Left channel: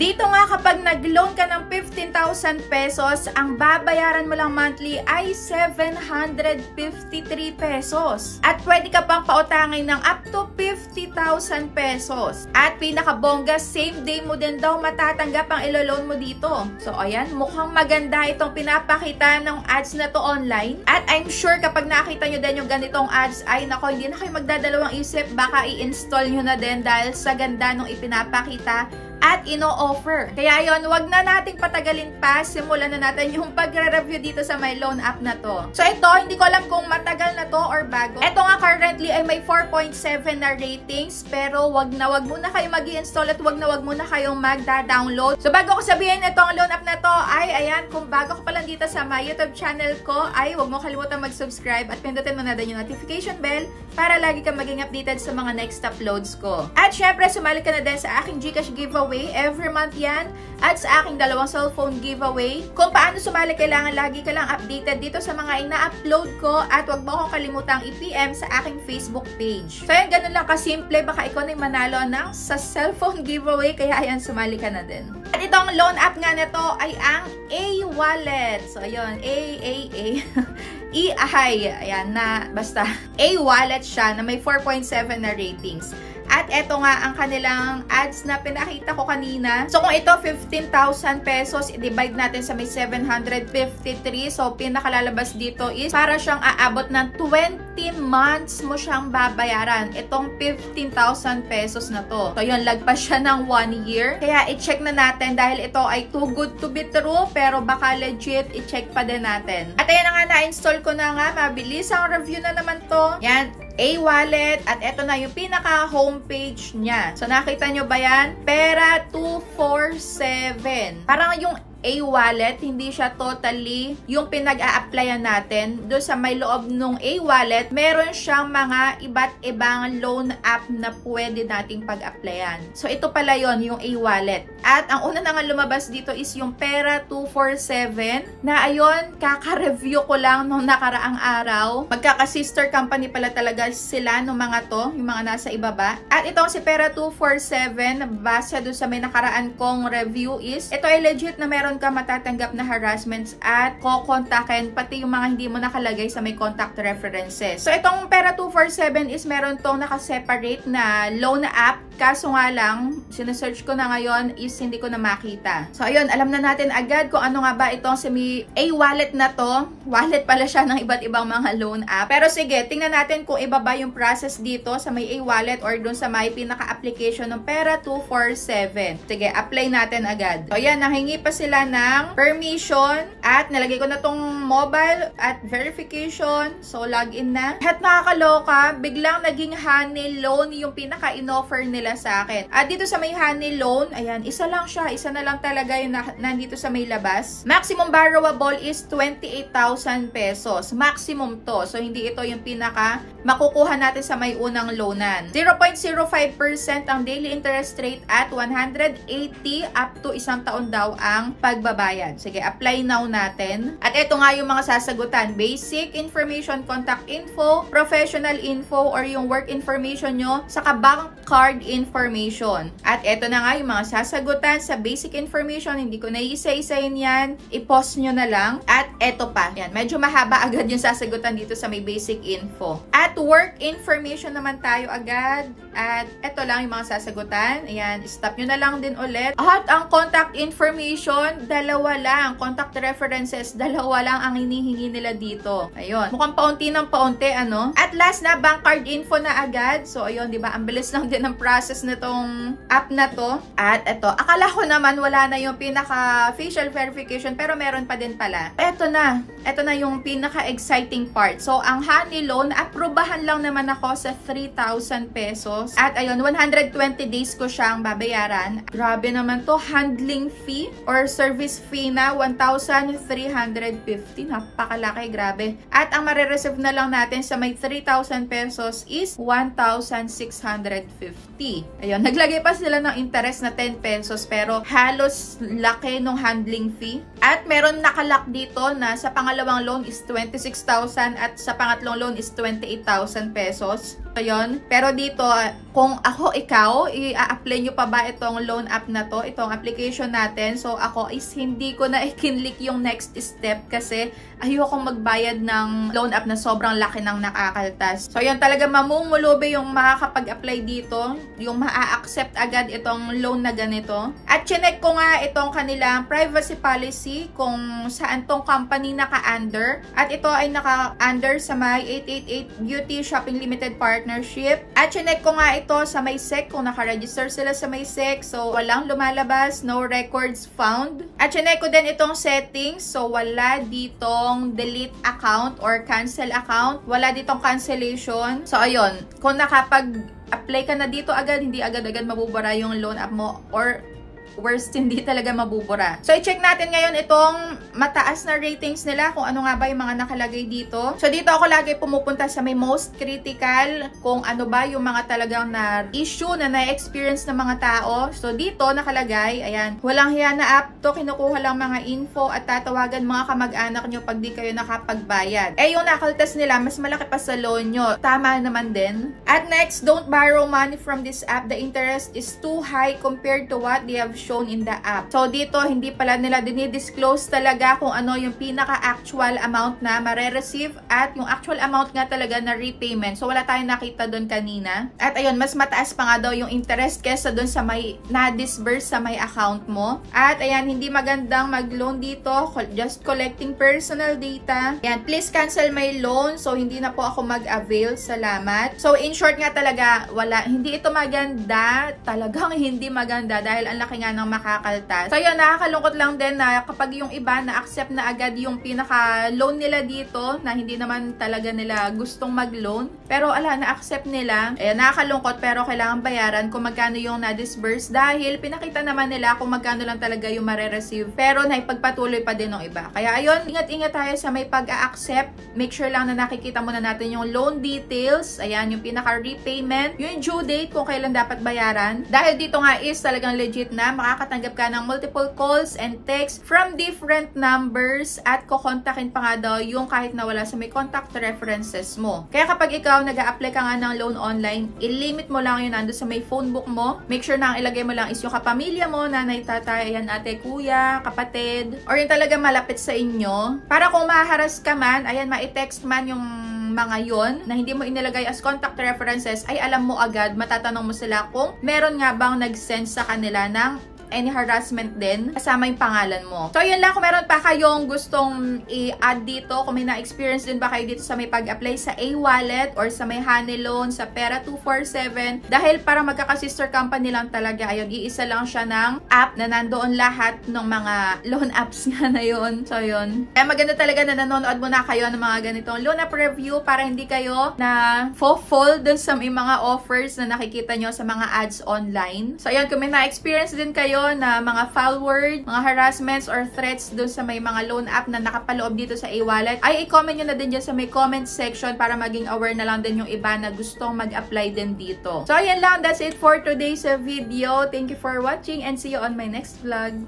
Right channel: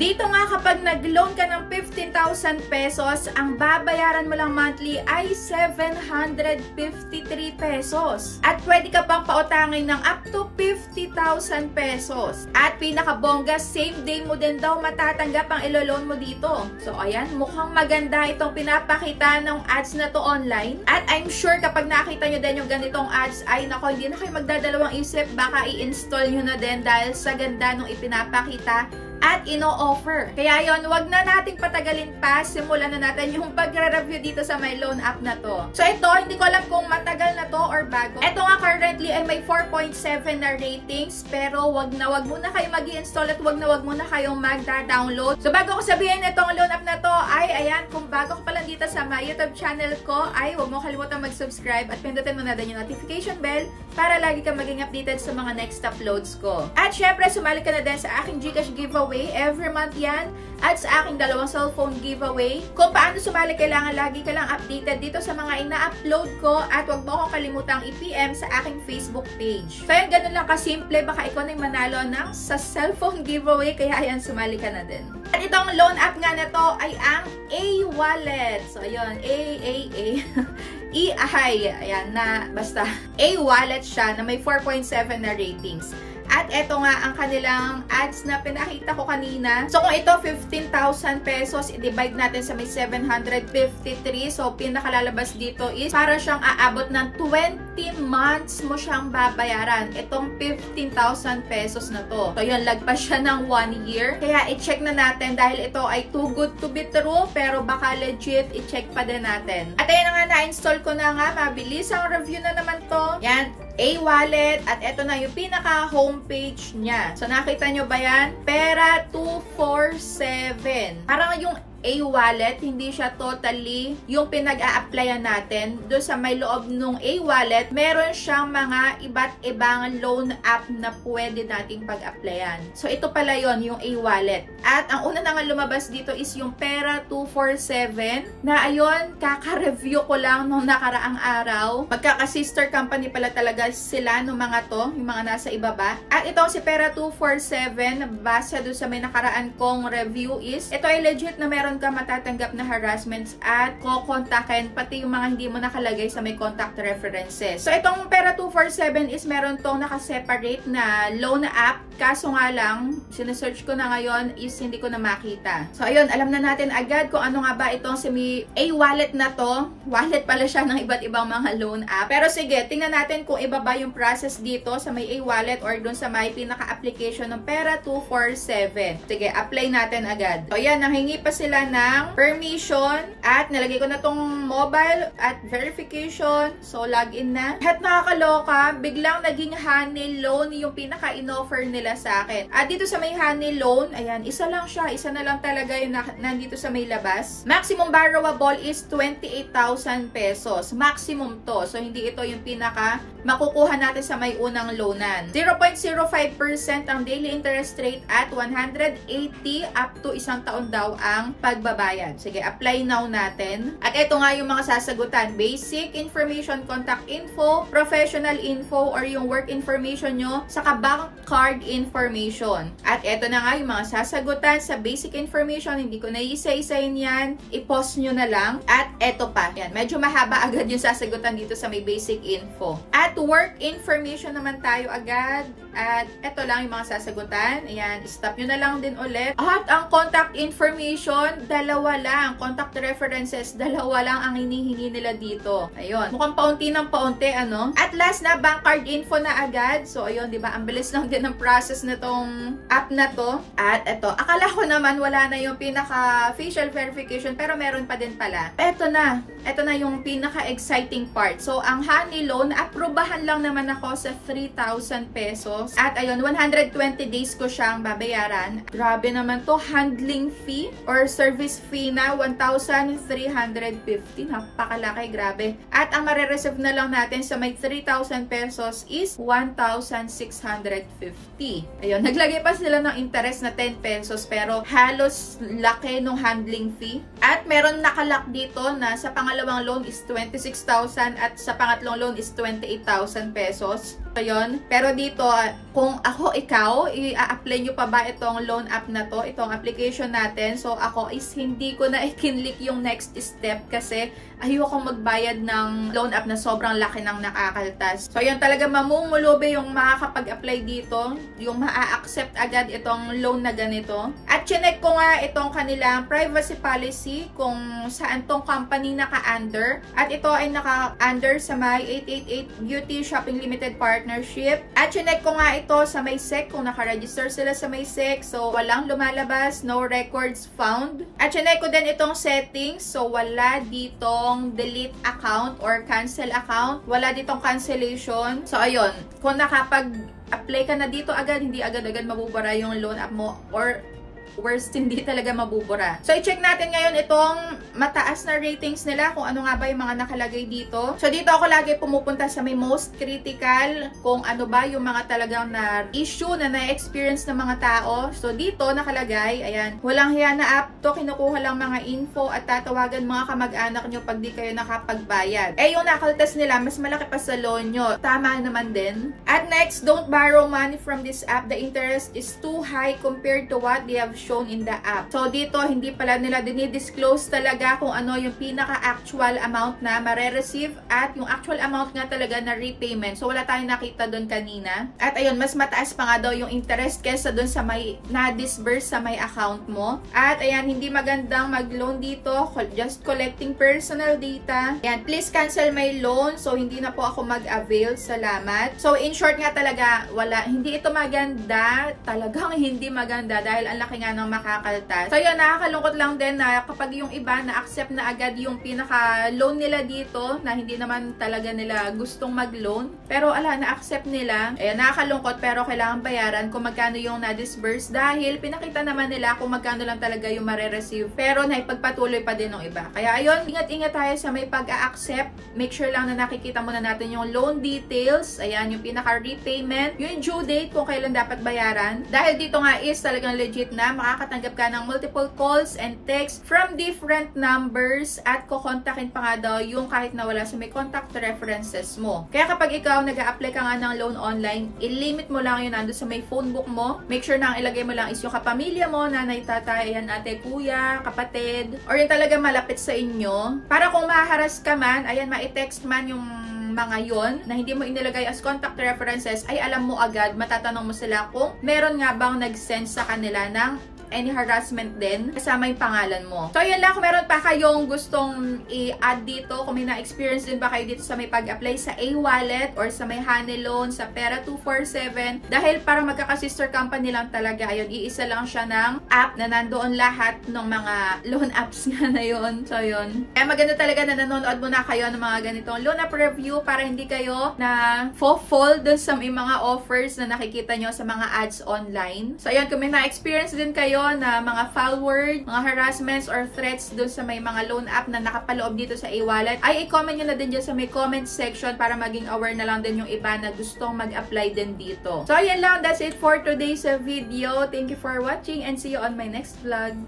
Dito nga kapag nag-loan ka ng 15,000 pesos, ang babayaran mo lang monthly ay 753 pesos. At pwede ka pang pautangin ng up to 50,000 pesos. At pinakabongga, same day mo din daw matatanggap ang ilo-loan mo dito. So ayan, mukhang maganda itong pinapakita ng ads na to online. At I'm sure kapag nakita nyo din yung ganitong ads, ay nako, hindi na kayo magdadalawang isip, baka i-install nyo na din dahil sa ganda nung ipinapakita at ino-offer. Kaya yon, wag na nating patagalin pa, simulan na natin yung pagre-review dito sa my loan app na to. So ito, hindi ko alam kung matagal na to or bago. Ito nga currently ay may 4.7 na ratings, pero wag muna kayo mag-i-install at wag muna kayong magda-download. So bago ko sabihin itong loan app na to, ay ayan, kung bago ko pa lang dito sa my YouTube channel ko, ay wag mo kalimutan mag-subscribe at pindutin mo na din yung notification bell para lagi kang maging updated sa mga next uploads ko. At syempre, sumali ka na din sa aking GCash giveaway. Every month yan. At sa aking 2 cellphone giveaway. Kung paano sumali, kailangan lagi ka lang updated dito sa mga ina-upload ko. At huwag mo akong kalimutang i-PM sa aking Facebook page. So yan, ganun lang kasimple. Baka ikaw na yung manalo ng sa cellphone giveaway. Kaya ayan, sumali ka na din. At itong loan app nga nito ay ang A-Wallet. So ayun, A-E-I. Ayan na, basta. A-Wallet siya na may 4.7 na ratings. At eto nga ang kanilang ads na pinakita ko kanina. So kung ito 15,000 pesos, i-divide natin sa may 753. So pinakalalabas dito is para siyang aabot ng 20 months mo siyang babayaran. Itong 15,000 pesos na to. So yun, lagpas siya ng 1 year. Kaya i-check na natin dahil ito ay too good to be true. Pero baka legit, i-check pa din natin. At ayan na nga, na-install ko na nga. Mabilis ang review na naman to. Yan. A-Wallet, at eto na yung pinaka-homepage niya. So, nakita nyo ba yan? Pera 247. Parang yung A-Wallet, hindi siya totally yung pinag-a-applyan natin. Doon sa may loob nung A-Wallet, meron siyang mga iba't ibang loan app na pwede nating pag-applyan. So, ito pala yon yung A-Wallet. At ang una na nga lumabas dito is yung Pera 247 na ayun, kaka-review ko lang nung nakaraang araw. Magkaka-sister company pala talaga sila nung mga to, yung mga nasa ibaba. At itong si Pera 247, base doon sa may nakaraan kong review is, ito ay legit na meron ka matatanggap na harassments at kukontakin pati yung mga hindi mo nakalagay sa may contact references. So, itong Pera 247 is meron tong nakaseparate na loan app. Kaso nga lang, sinesearch ko na ngayon is hindi ko na makita. So, ayun, alam na natin agad kung ano nga ba itong si A-Wallet na to. Wallet pala siya ng iba't ibang mga loan app. Pero sige, tingnan natin kung iba ba yung process dito sa may A-Wallet or dun sa may pinaka-application ng Pera 247. Sige, apply natin agad. So, ayan, nanghingi pa sila ng permission at nalagay ko na tong mobile at verification. So, login na. At nakakaloka, biglang naging honey loan yung pinaka-inoffer nila sa akin. At dito sa may honey loan, ayan, isa lang siya. Isa na lang talaga yung nandito sa may labas. Maximum borrowable is 28,000 pesos. Maximum to. So, hindi ito yung pinaka makukuha natin sa may unang loanan. 0.05% ang daily interest rate at 180 up to 1 taon daw ang pagbabayad. Sige, apply now natin. At ito nga yung mga sasagutan. Basic information, contact info, professional info, or yung work information nyo, saka bank card information. At ito na nga yung mga sasagutan sa basic information. Hindi ko na isa-isayin yan. I-post nyo na lang. At ito pa. Yan, medyo mahaba agad yung sasagutan dito sa may basic info. At work information naman tayo agad. At ito lang yung mga sasagutan. Ayan, stop nyo na lang din ulit. At ang contact information, dalawa lang. Contact references, dalawa lang ang hinihingi nila dito. Ayun. Mukhang paunti ng paunti, ano? At last na, bank card info na agad. So, ayun, di ba? Ang bilis lang din ng process na tong app na to. At ito, akala ko naman wala na yung pinaka facial verification, pero meron pa din pala. Ito na. Ito na yung pinaka-exciting part. So, ang honey loan, aprobahan lang naman ako sa 3,000 pesos. At ayun, 120 days ko siyang babayaran. Grabe naman to. Handling fee or service fee na 1,350. Napakalaki, grabe. At ang marireceive na lang natin sa may 3,000 pesos is 1,650. Ayun, naglagay pa sila ng interest na 10 pesos. pesos pero halos laki nung handling fee. At meron nakalock dito na sa pangalawang loan is 26,000 at sa pangatlong loan is 28,000 pesos. So, yun. Pero dito, kung ikaw, i-apply nyo pa ba itong loan app na to, itong application natin? So, ako is hindi ko na i-click yung next step kasi ayoko magbayad ng loan app na sobrang laki ng nakakaltas. So, yun talaga mamumulubi yung makakapag-apply dito, yung maa-accept agad itong loan na ganito. At chinek ko nga itong kanilang privacy policy kung saan tong company naka-under. At ito ay naka-under sa may 888 Beauty Shopping Limited Partnership. At chinek ko nga ito sa may SEC kung naka-register sila sa may SEC. So, walang lumalabas, no records found. At chinek ko din itong settings. So, wala ditong delete account or cancel account. Wala ditong cancellation. So, ayun. Kung nakapag-apply ka na dito agad, hindi agad-agad mabubura yung loan app mo or worst, hindi talaga mabubura. So, i-check natin ngayon itong mataas na ratings nila, kung ano nga ba yung mga nakalagay dito. So, dito ako lagi pumupunta sa may most critical, kung ano ba yung mga talagang na issue na na-experience ng mga tao. So, dito nakalagay, ayan, walang hiya na app to, kinukuha lang mga info at tatawagan mga kamag-anak nyo pag di kayo nakapagbayad. Eh, yung nakaltas nila, mas malaki pa sa loan nyo. Tama naman din. At next, don't borrow money from this app. The interest is too high compared to what they have shown in the app. So, dito, hindi pala nila dinidisclose talaga kung ano yung pinaka-actual amount na mare-receive at yung actual amount nga talaga na repayment. So, wala tayong nakita doon kanina. At ayun, mas mataas pa nga daw yung interest kesa doon sa may na-disburse sa may account mo. At ayan, hindi magandang mag-loan dito. Just collecting personal data. Ayan, please cancel my loan. So, hindi na po ako mag-avail. Salamat. So, in short nga talaga, wala. Hindi ito maganda. Talagang hindi maganda dahil ang laki nga ng makakaltas. So yun, nakakalungkot lang din na kapag yung iba na-accept na agad yung pinaka-loan nila dito na hindi naman talaga nila gustong mag-loan. Pero ala, na-accept nila. Ayan, nakakalungkot pero kailangan bayaran kung magkano yung na-disburse dahil pinakita naman nila kung magkano lang talaga yung mare-receive. Pero naipagpatuloy pa din ng iba. Kaya ayun, ingat-ingat tayo sa may pag-a-accept. Make sure lang na nakikita muna natin yung loan details. Ayan, yung pinaka-repayment. Yung due date kung kailan dapat bayaran. Dahil dito nga is talagang legit na makakatanggap ka ng multiple calls and texts from different numbers at kukontakin pa nga daw yung kahit na wala sa may contact references mo. Kaya kapag ikaw nag-a-apply ka nga ng loan online, i-limit mo lang yun nando sa may phone book mo. Make sure na ang ilagay mo lang is yung kapamilya mo, nanay, tatay, ayan, ate, kuya, kapatid, or yung talaga malapit sa inyo. Para kung maharas ka man, ayan, ma-text man yung mga yon na hindi mo inilagay as contact references, ay alam mo agad, matatanong mo sila kung meron nga bang nag-send sa kanila ng any harassment din, kasama yung pangalan mo. So, yun lang. Kung meron pa kayong gustong i-add dito, kung may na-experience din ba kayo dito sa may pag-apply sa A-Wallet or sa may Honey Loan, sa Pera 247, dahil para magkaka-sister company lang talaga, ayun, iisa lang siya ng app na nandoon lahat ng mga loan apps nga na yun. So, yun. Kaya maganda talaga na nanonood muna kayo ng mga ganitong loan app review para hindi kayo na fall dun sa may mga offers na nakikita nyo sa mga ads online. So, ayun, kung may na-experience din kayo na mga foul word, mga harassments or threats dun sa may mga loan app na nakapaloob dito sa A-Wallet, ay i-comment nyo na din dyan sa may comment section para maging aware na lang din yung iba na gustong mag-apply din dito. So, ayan lang. That's it for today's video. Thank you for watching and see you on my next vlog.